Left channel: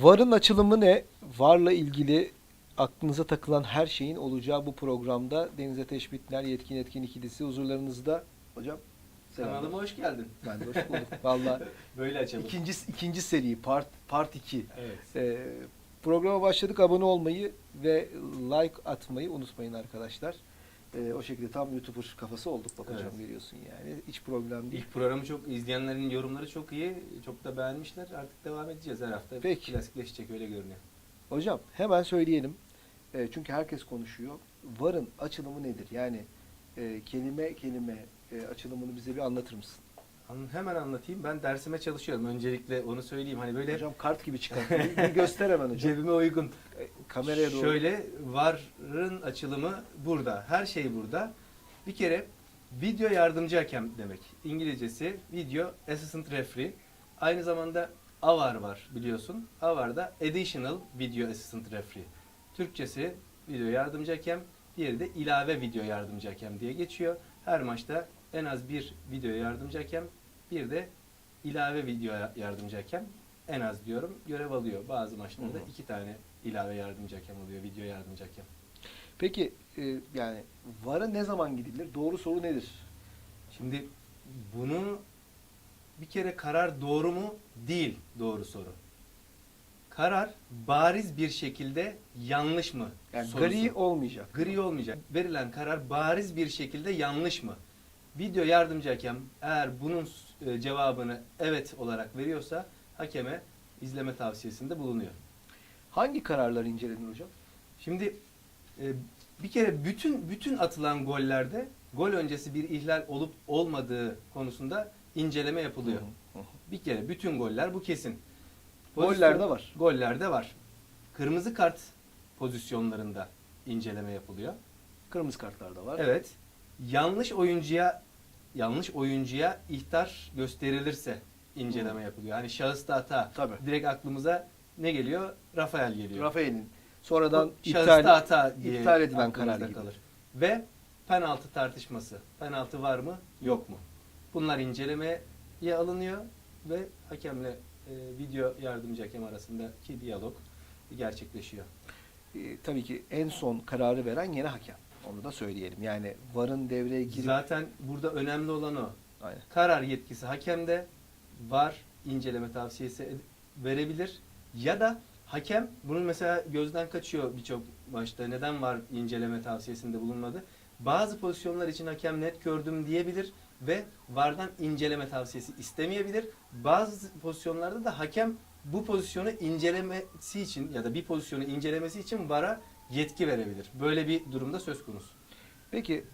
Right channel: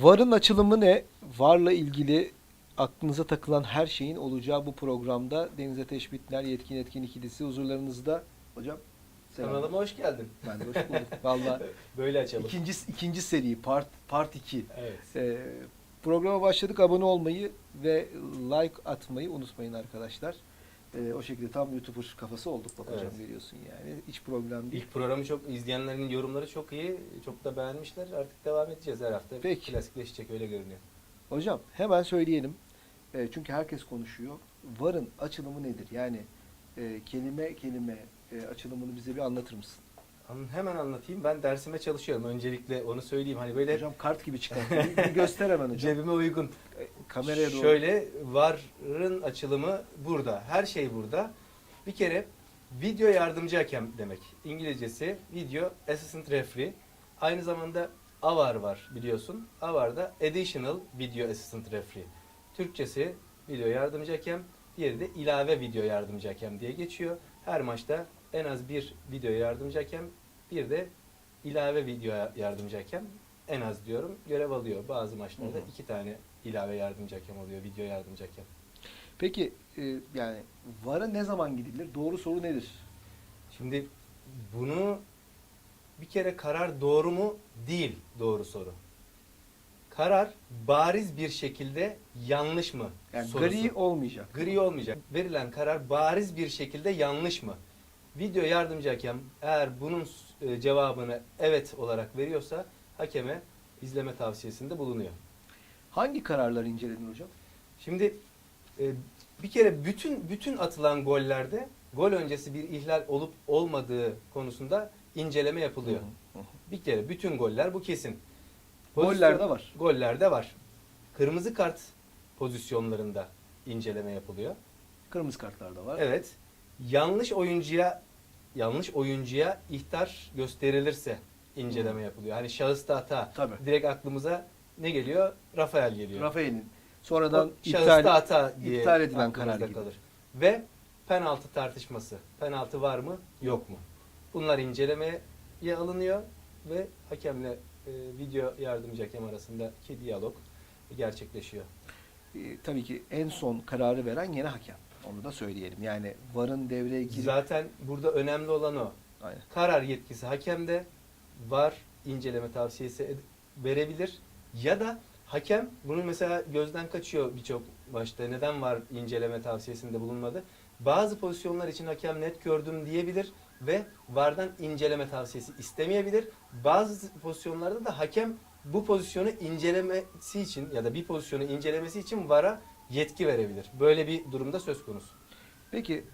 VAR'ın açılımı ne? VAR'la ilgili aklınıza takılan her şeyin olacağı bu programda Deniz Ateş Bitner, Yetkin Etkin ikilisi huzurlarınızda. Hocam selam. Kanalıma hoş geldin. Ben de hoş bulduk. Valla Böyle açalım. ikinci, ikinci seri part, part 2. Evet. Ee, programa başladık. Abone olmayı ve like atmayı unutmayın arkadaşlar. Ee, o şekilde tam YouTuber kafası olduk bak hocam Evet. görüyorsun yani. Hiç problem değil. İlk programı çok izleyenlerin yorumları çok iyi. Çok da beğenmişler. Artık devam edeceğiz her hafta. Peki. Klasikleşecek öyle görünüyor. Hocam hemen söyleyelim. E, çünkü herkes konuşuyor. VAR'ın açılımı nedir? Yani e, kelime kelime e, açılımını bize bir anlatır mısın? Hemen anlatayım. Ben dersime çalışıyorum. Öncelikle onu söyleyeyim. Hani böyle Hocam kart gibi çıkar. Bir, bir göster hemen hocam. cebime uygun. E, kameraya doğru. Şöyle VAR'ın açılımı burada. Her şey burada. Bir kere video yardımcı hakem demek. İngilizcesi Video Assistant Referee. Aynı zamanda AVAR var biliyorsun. AVAR'da Additional Video Assistant Referee. Türkçesi video yardımcı hakem, diğeri de ilave video yardımcı hakem diye geçiyor. Her maçta en az bir video yardımcı hakem, bir de ilave video yardımcı hakem en az diyorum görev alıyor. Bazı maçlarda Hı hı. iki tane ilave yardımcı hakem oluyor, video yardımcı hakem. Peki e, yani VAR'a ne zaman gidilir? Doğru soru nedir? Şimdi bunu bir kere karar doğru mu? Değil doğru soru. Karar bariz bir şekilde yanlış mı? Yani sorusu. gri olmayacak. Gri olmayacak. Verilen karar bariz bir şekilde yanlış mı? Video yardımcı hakem eğer bunun e, cevabını evet olarak veriyorsa hakeme izleme tavsiyesinde bulunuyor. Hangi kararlar incelenir hocam? Şimdi e, bir kere bütün bütün atılan gollerde gol öncesi bir ihlal olup olmadığı konusunda inceleme yapılıyor. Hı hı, hı. Bir kere bütün goller bu kesin. Gollerde var. Gollerde var. Kırmızı kart pozisyonlarında inceleme yapılıyor. Kırmızı kartlar da var. Evet. Yanlış oyuncuya yanlış oyuncuya ihtar gösterilirse inceleme Hı. yapılıyor. Hani şahısta hata. Tabii. Direkt aklımıza ne geliyor? Rafael geliyor. Rafael'in sonradan O şahısta iptal hata diye iptal edilen aklımızda karar gibi. kalır. Ve penaltı tartışması. Penaltı var mı? Yok mu? Bunlar incelemeye alınıyor ve hakemle e, video yardımcı hakem arasındaki diyalog gerçekleşiyor. e, tabii ki en son kararı veren yine hakem. Onu da söyleyelim. Yani VAR'ın devreye girip Zaten burada önemli olan o. Aynen. Karar yetkisi hakemde var inceleme tavsiyesi verebilir ya da hakem bunu mesela gözden kaçıyor birçok maçta neden var inceleme tavsiyesinde bulunmadı. Bazı pozisyonlar için hakem net gördüm diyebilir ve vardan inceleme tavsiyesi istemeyebilir. Bazı pozisyonlarda da hakem bu pozisyonu incelemesi için ya da bir pozisyonu incelemesi için VAR'a yetki verebilir. Böyle bir durumda söz konusu. Peki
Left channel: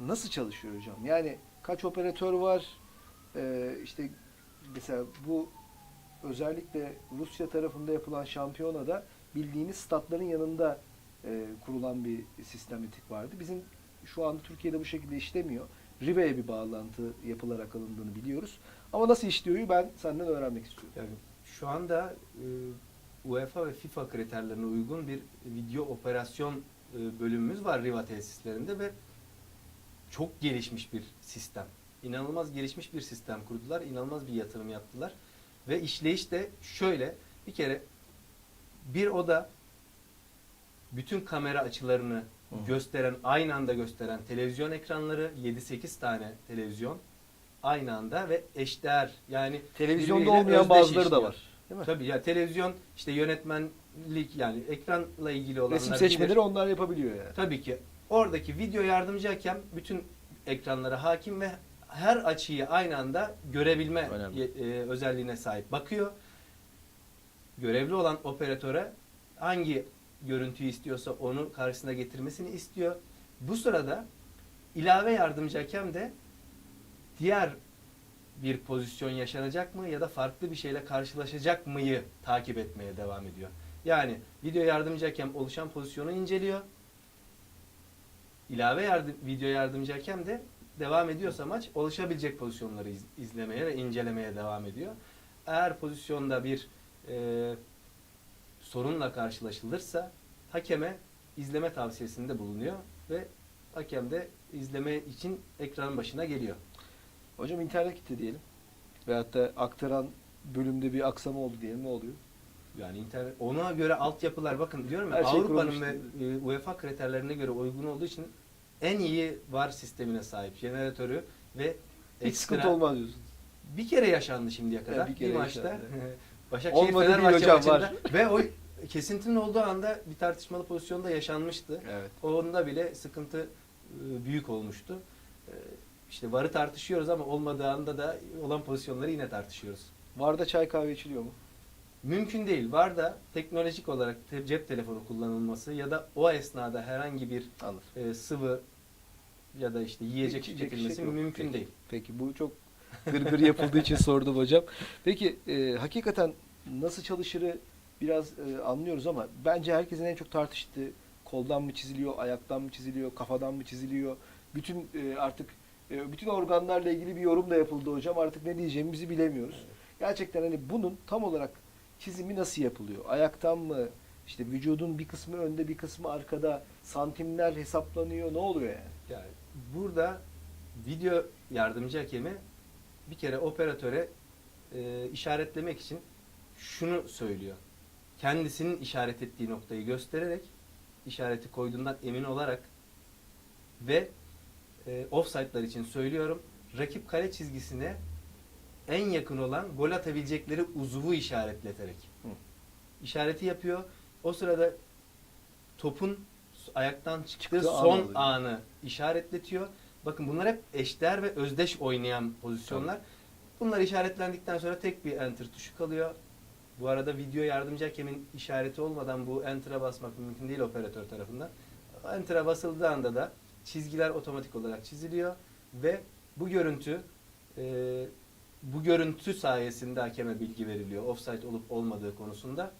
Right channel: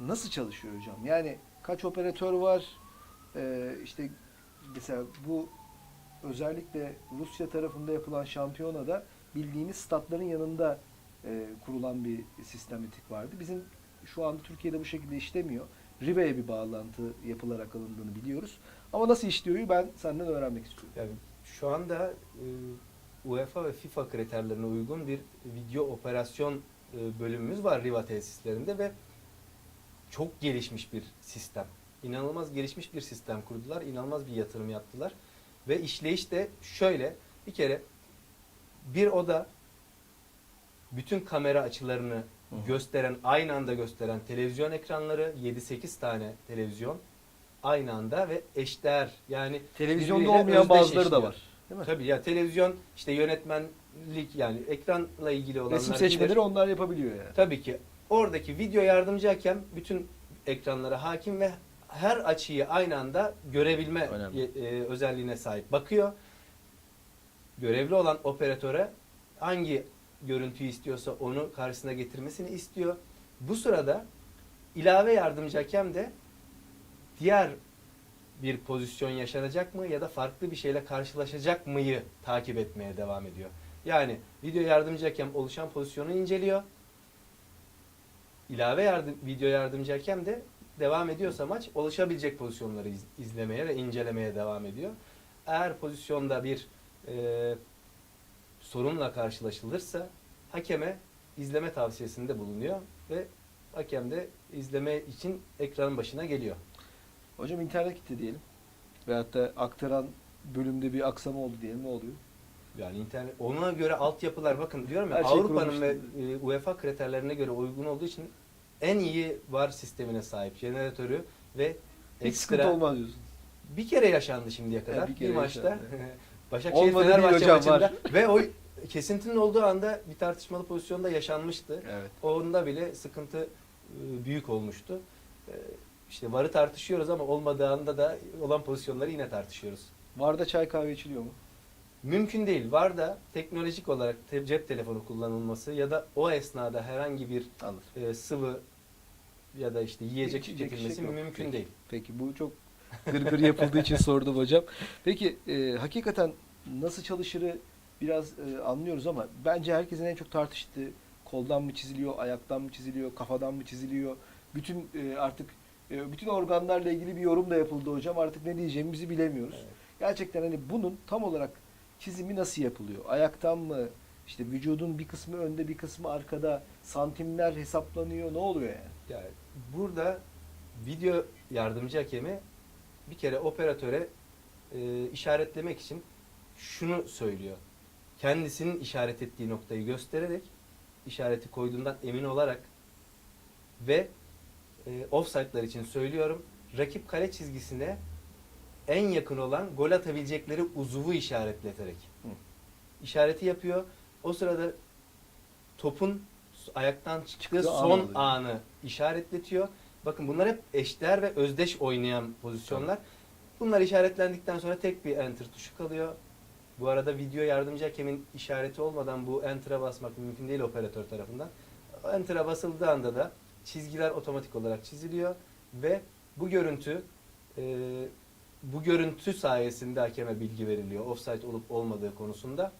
nasıl çalışıyor hocam? Yani kaç operatör var? Ee, işte mesela bu özellikle Rusya tarafında yapılan şampiyonada bildiğiniz statların yanında e, kurulan bir sistematik vardı. Bizim şu anda Türkiye'de bu şekilde işlemiyor. Rive'ye bir bağlantı yapılarak alındığını biliyoruz. Ama nasıl işliyor ben senden öğrenmek istiyorum. Yani şu anda e, UEFA ve FIFA kriterlerine uygun bir video operasyon e, bölümümüz var Riva tesislerinde ve çok gelişmiş bir sistem. İnanılmaz gelişmiş bir sistem kurdular. İnanılmaz bir yatırım yaptılar. Ve işleyiş de şöyle. Bir kere bir oda bütün kamera açılarını Hı gösteren, aynı anda gösteren televizyon ekranları, 7-8 tane televizyon aynı anda ve eşdeğer yani Televizyonda olmayan bazıları da var. Değil mi? Tabii ya televizyon işte yönetmenlik yani ekranla ilgili olan Resim seçmeleri onlar yapabiliyor yani. Tabii ki. Oradaki video yardımcı hakem bütün ekranlara hakim ve her açıyı aynı anda görebilme Önemli. e, özelliğine sahip. Bakıyor. Görevli olan operatöre hangi görüntüyü istiyorsa onu karşısına getirmesini istiyor. Bu sırada ilave yardımcı hakem de diğer bir pozisyon yaşanacak mı ya da farklı bir şeyle karşılaşacak mıyı takip etmeye devam ediyor. Yani video yardımcı hakem oluşan pozisyonu inceliyor. İlave yardım, video yardımcı hakem de devam ediyorsa maç oluşabilecek pozisyonları iz- izlemeye ve incelemeye devam ediyor. Eğer pozisyonda bir e, sorunla karşılaşılırsa hakeme izleme tavsiyesinde bulunuyor ve hakem de izleme için ekranın başına geliyor. Hocam internet gitti diyelim. Veyahut da aktaran bölümde bir aksama oldu diyelim. Ne oluyor? Yani internet ona göre altyapılar bakın diyorum ya Her şey Avrupa'nın ve e, UEFA kriterlerine göre uygun olduğu için en iyi VAR sistemine sahip jeneratörü ve Hiç ekstra- sıkıntı olmaz diyorsun. Bir kere yaşandı şimdiye kadar. Evet, bir kere maçta. yaşandı. Başakşehir Olmadı değil hocam, var. maçında Ve o kesintinin olduğu anda bir tartışmalı pozisyonda yaşanmıştı. Evet. Onda bile sıkıntı e, büyük olmuştu. E, İşte VAR'ı tartışıyoruz ama olmadığı anda da olan pozisyonları yine tartışıyoruz. Varda çay kahve içiliyor mu? Mümkün değil. VAR da teknolojik olarak cep telefonu kullanılması ya da o esnada herhangi bir Anladım. e, sıvı ya da işte yiyecek İçecek içecek yok. mümkün Peki. değil. Peki bu çok gırgır yapıldığı için sordum hocam. Peki e, hakikaten nasıl çalışırı biraz e, anlıyoruz ama bence herkesin en çok tartıştığı koldan mı çiziliyor, ayaktan mı çiziliyor, kafadan mı çiziliyor? Bütün e, artık e, bütün organlarla ilgili bir yorum da yapıldı hocam. Artık ne diyeceğimizi bilemiyoruz. Gerçekten hani bunun tam olarak çizimi nasıl yapılıyor? Ayaktan mı? İşte vücudun bir kısmı önde, bir kısmı arkada. Santimler hesaplanıyor. Ne oluyor yani? Burada video yardımcı hakemi bir kere operatöre e, işaretlemek için şunu söylüyor. Kendisinin işaret ettiği noktayı göstererek işareti koyduğundan emin olarak ve e, offside'lar için söylüyorum. Rakip kale çizgisine en yakın olan gol atabilecekleri uzuvu işaretleterek Hı. işareti yapıyor. O sırada topun ayaktan çıktığı Çıktığı an son oluyor. anı işaretletiyor. Bakın bunlar hep eşdeğer ve özdeş oynayan pozisyonlar. Bunlar işaretlendikten sonra tek bir enter tuşu kalıyor. Bu arada video yardımcı hakemin işareti olmadan bu enter'a basmak mümkün değil operatör tarafından. Enter'a basıldığı anda da çizgiler otomatik olarak çiziliyor ve bu görüntü e, bu görüntü sayesinde hakeme bilgi veriliyor. Offside olup olmadığı konusunda.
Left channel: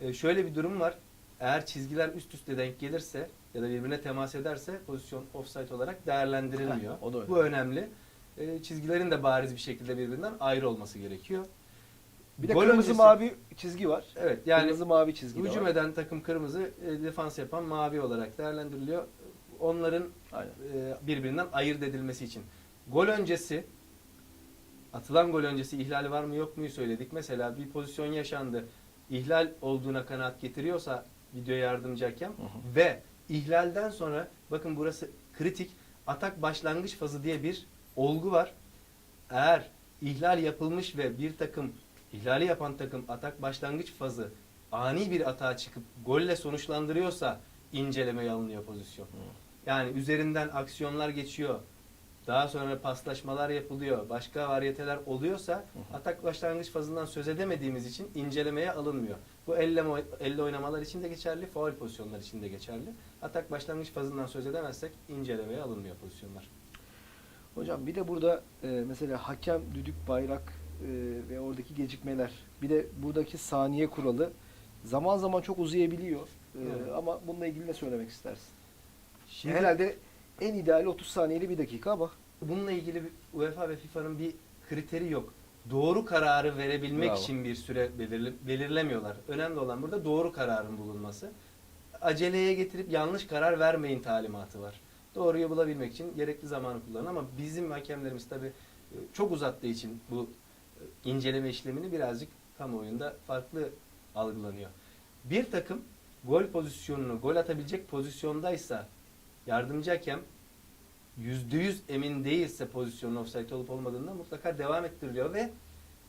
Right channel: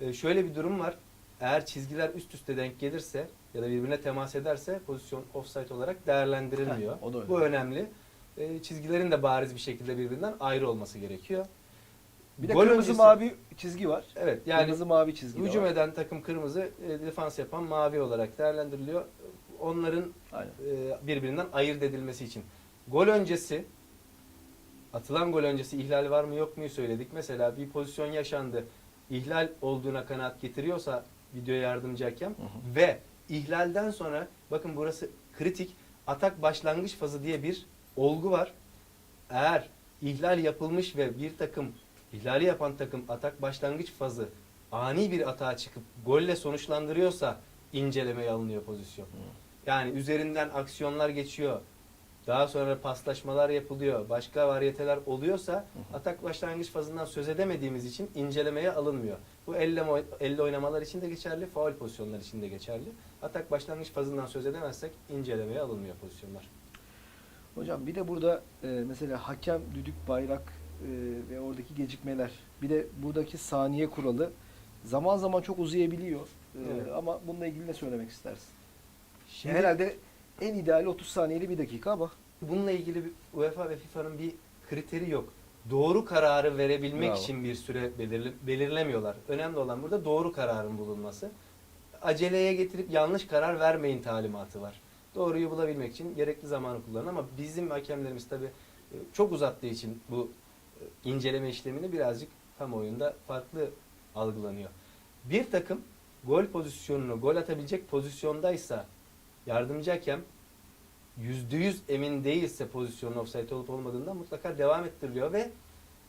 E, şöyle bir durum var. Eğer çizgiler üst üste denk gelirse ya da birbirine temas ederse pozisyon offside olarak değerlendiriliyor. Heh, o da. Bu önemli. E, çizgilerin de bariz bir şekilde birbirinden ayrı olması gerekiyor. Bir de Gol kırmızı öncesi- mavi çizgi var. Evet yani kırmızı mavi çizgi de hücum var. eden takım kırmızı, e, defans yapan mavi olarak değerlendiriliyor. Onların Aynen. e, birbirinden ayırt edilmesi için. Gol öncesi atılan gol öncesi ihlal var mı yok mu söyledik. Mesela bir pozisyon yaşandı. İhlal olduğuna kanaat getiriyorsa video yardımcı hakem Hı hı. ve ihlalden sonra bakın burası kritik atak başlangıç fazı diye bir olgu var. Eğer ihlal yapılmış ve bir takım ihlali yapan takım atak başlangıç fazı ani bir atağa çıkıp golle sonuçlandırıyorsa incelemeye alınıyor pozisyon. Yani üzerinden aksiyonlar geçiyor. Daha sonra paslaşmalar yapılıyor. Başka varyeteler oluyorsa atak başlangıç fazından söz edemediğimiz için incelemeye alınmıyor. Bu elle, elle oynamalar için de geçerli, faul pozisyonlar için de geçerli. Atak başlangıç fazından söz edemezsek incelemeye alınmıyor pozisyonlar. Hocam bir de burada e, mesela hakem, düdük, bayrak e, ve oradaki gecikmeler. Bir de buradaki saniye kuralı zaman zaman çok uzayabiliyor. E, Evet. ama bununla ilgili ne söylemek istersin? Şimdi Herhalde en ideali 30 saniyeli bir dakika ama bununla ilgili bir UEFA ve FIFA'nın bir kriteri yok. Doğru kararı verebilmek Bravo. için bir süre belirli, belirlemiyorlar. Önemli olan burada doğru kararın bulunması. Aceleye getirip yanlış karar vermeyin talimatı var. Doğruyu bulabilmek için gerekli zamanı kullanın ama bizim hakemlerimiz tabi çok uzattığı için bu e, inceleme işlemini birazcık kamuoyunda farklı algılanıyor. Bir takım gol pozisyonunu gol atabilecek pozisyondaysa yardımcı hakem yüzde yüz emin değilse pozisyonun offside olup olmadığından mutlaka devam ettiriliyor ve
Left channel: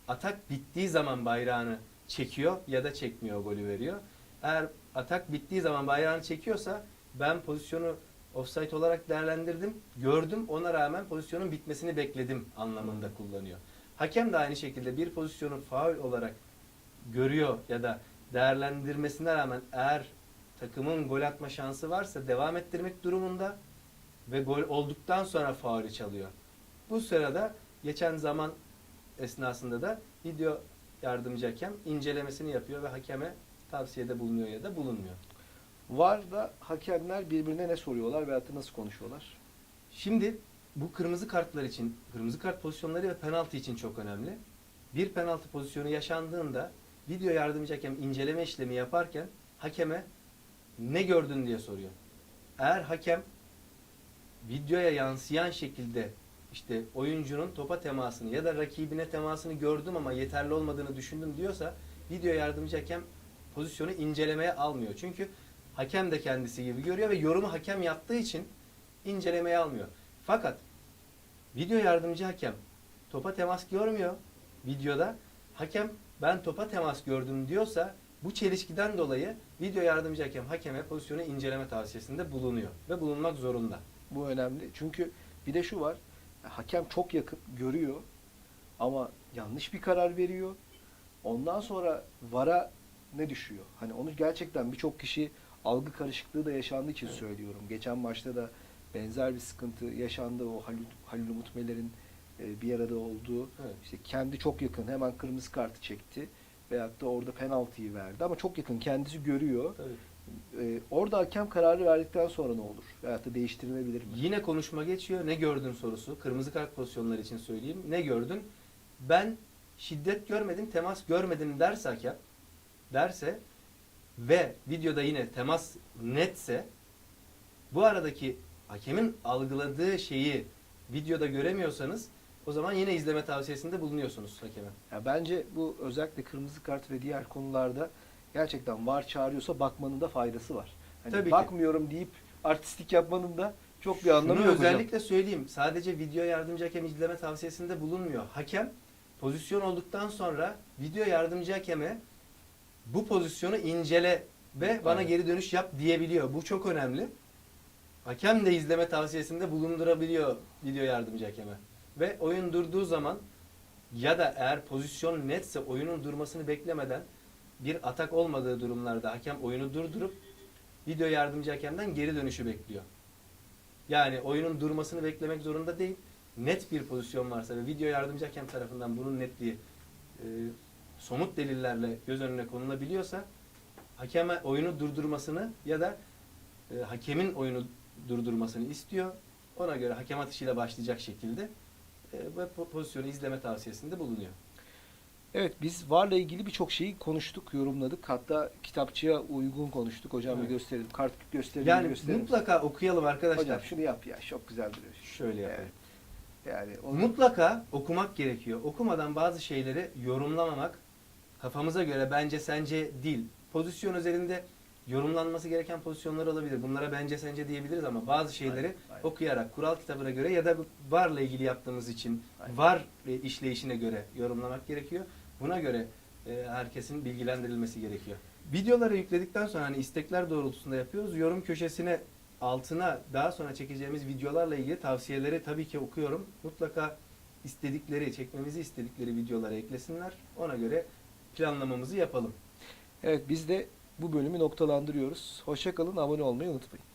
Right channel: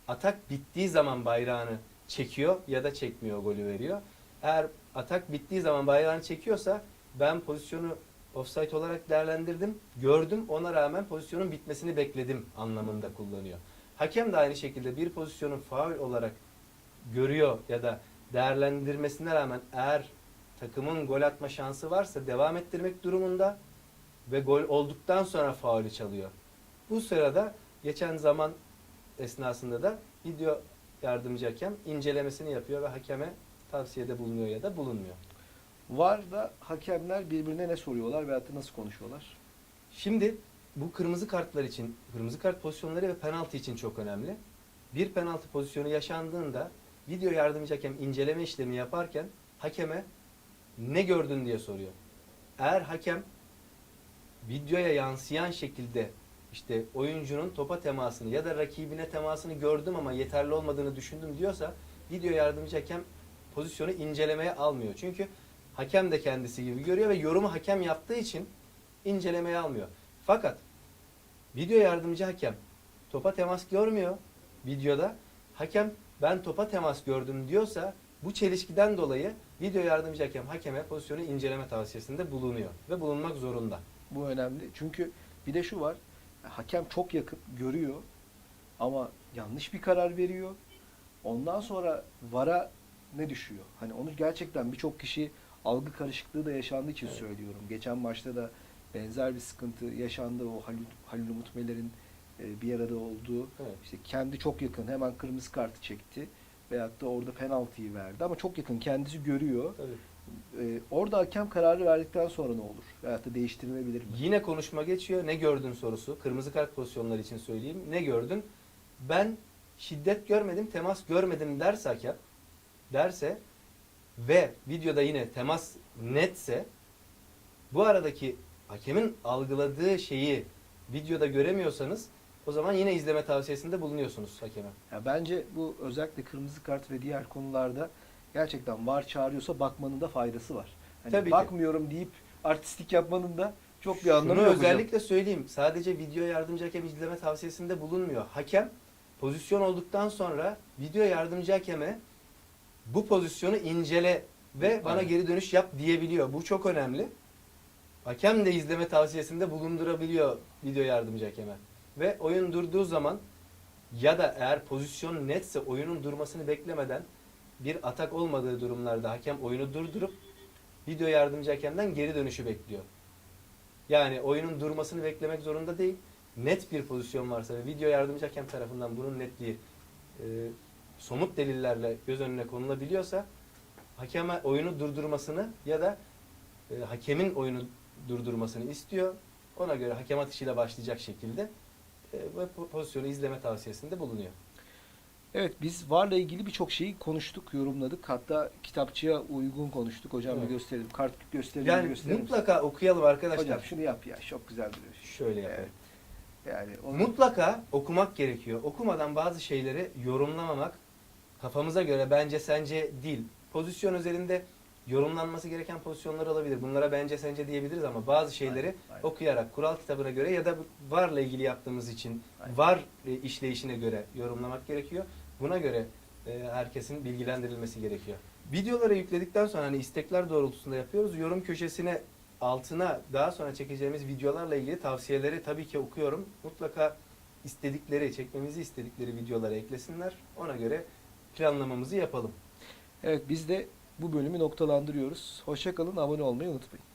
atak bittiği zaman bayrağını çekiyor ya da çekmiyor golü veriyor. Eğer atak bittiği zaman bayrağını çekiyorsa ben pozisyonu offside olarak değerlendirdim, gördüm ona rağmen pozisyonun bitmesini bekledim anlamında kullanıyor. Hakem de aynı şekilde bir pozisyonun faul olarak görüyor ya da değerlendirmesine rağmen eğer takımın gol atma şansı varsa devam ettirmek durumunda ve gol olduktan sonra faulü çalıyor. Bu sırada geçen zaman esnasında da video yardımcı hakem incelemesini yapıyor ve hakeme tavsiyede bulunuyor ya da bulunmuyor. var da hakemler birbirine ne soruyorlar veyahut da nasıl konuşuyorlar? Şimdi bu kırmızı kartlar için, kırmızı kart pozisyonları ve penaltı için çok önemli. Bir penaltı pozisyonu yaşandığında video yardımcı hakem inceleme işlemi yaparken hakeme ne gördün diye soruyor. Eğer hakem videoya yansıyan şekilde işte oyuncunun topa temasını ya da rakibine temasını gördüm ama yeterli olmadığını düşündüm diyorsa video yardımcı hakem pozisyonu incelemeye almıyor. Çünkü hakem de kendisi gibi görüyor ve yorumu hakem yaptığı için incelemeye almıyor. Fakat video yardımcı hakem topa temas görmüyor videoda. Hakem ben topa temas gördüm diyorsa bu çelişkiden dolayı video yardımcı hakem hakeme pozisyonu inceleme tavsiyesinde bulunuyor ve bulunmak zorunda. Bu önemli. Çünkü bir de şu var. Hakem çok yakın görüyor ama yanlış bir karar veriyor. Ondan sonra VAR'a ne düşüyor? Hani onu gerçekten birçok kişi algı karışıklığı da yaşandığı için söylüyorum. Geçen maçta da benzer bir sıkıntı yaşandı. O Halil, Halil Umut Meler'in e, bir arada olduğu işte kendi çok yakın hemen kırmızı kartı çekti veyahut da orada penaltıyı verdi ama çok yakın kendisi görüyor. E, orada hakem kararı verdikten sonra ne olur? Veyahut da değiştirilebilir mi? Yine konuşma geçiyor. Ne gördün sorusu. Kırmızı kart pozisyonları için söyleyeyim. Ne gördün? Ben şiddet görmedim, temas görmedim derse hakem, derse ve videoda yine temas netse bu aradaki hakemin algıladığı şeyi videoda göremiyorsanız o zaman yine izleme tavsiyesinde bulunuyorsunuz hakeme. Ya bence bu özellikle kırmızı kart ve diğer konularda gerçekten var çağırıyorsa bakmanın da faydası var. Hani Tabii ki. bakmıyorum deyip artistik yapmanın da çok bir anlamı Şunu yok hocam. özellikle söyleyeyim. Sadece video yardımcı hakem izleme tavsiyesinde bulunmuyor. Hakem pozisyon olduktan sonra video yardımcı hakeme bu pozisyonu incele ve bana Aynen. geri dönüş yap diyebiliyor. Bu çok önemli. Hakem de izleme tavsiyesinde bulundurabiliyor video yardımcı hakeme. Ve oyun durduğu zaman ya da eğer pozisyon netse oyunun durmasını beklemeden bir atak olmadığı durumlarda hakem oyunu durdurup video yardımcı hakemden geri dönüşü bekliyor. Yani oyunun durmasını beklemek zorunda değil. Net bir pozisyon varsa ve video yardımcı hakem tarafından bunun netliği e, somut delillerle göz önüne konulabiliyorsa hakeme oyunu durdurmasını ya da e, hakemin oyunu durdurmasını istiyor. Ona göre hakem atışıyla başlayacak şekilde e, pozisyonu izleme tavsiyesinde bulunuyor. Evet biz VAR'la ilgili birçok şeyi konuştuk, yorumladık. Hatta kitapçıya uygun konuştuk. Hocam bir gösterelim. Kart gösterelim, Yani gösterelim. mutlaka okuyalım arkadaşlar. Hocam şunu yap ya. Çok güzel duruyor. Şöyle yapalım. Evet. Yani onu Mutlaka okumak gerekiyor. Okumadan bazı şeyleri yorumlamamak kafamıza göre bence sence değil. Pozisyon üzerinde yorumlanması gereken pozisyonlar olabilir. Bunlara bence sence diyebiliriz ama bazı şeyleri Aynen, aynen. okuyarak kural kitabına göre ya da varla ilgili yaptığımız için Aynen. var işleyişine göre yorumlamak gerekiyor. Buna göre e, herkesin bilgilendirilmesi gerekiyor. Videoları yükledikten sonra hani istekler doğrultusunda yapıyoruz. Yorum köşesine altına daha sonra çekeceğimiz videolarla ilgili tavsiyeleri tabii ki okuyorum. Mutlaka istedikleri, çekmemizi istedikleri videoları eklesinler. Ona göre planlamamızı yapalım. Evet biz de bu bölümü noktalandırıyoruz. Hoşça kalın, abone olmayı unutmayın.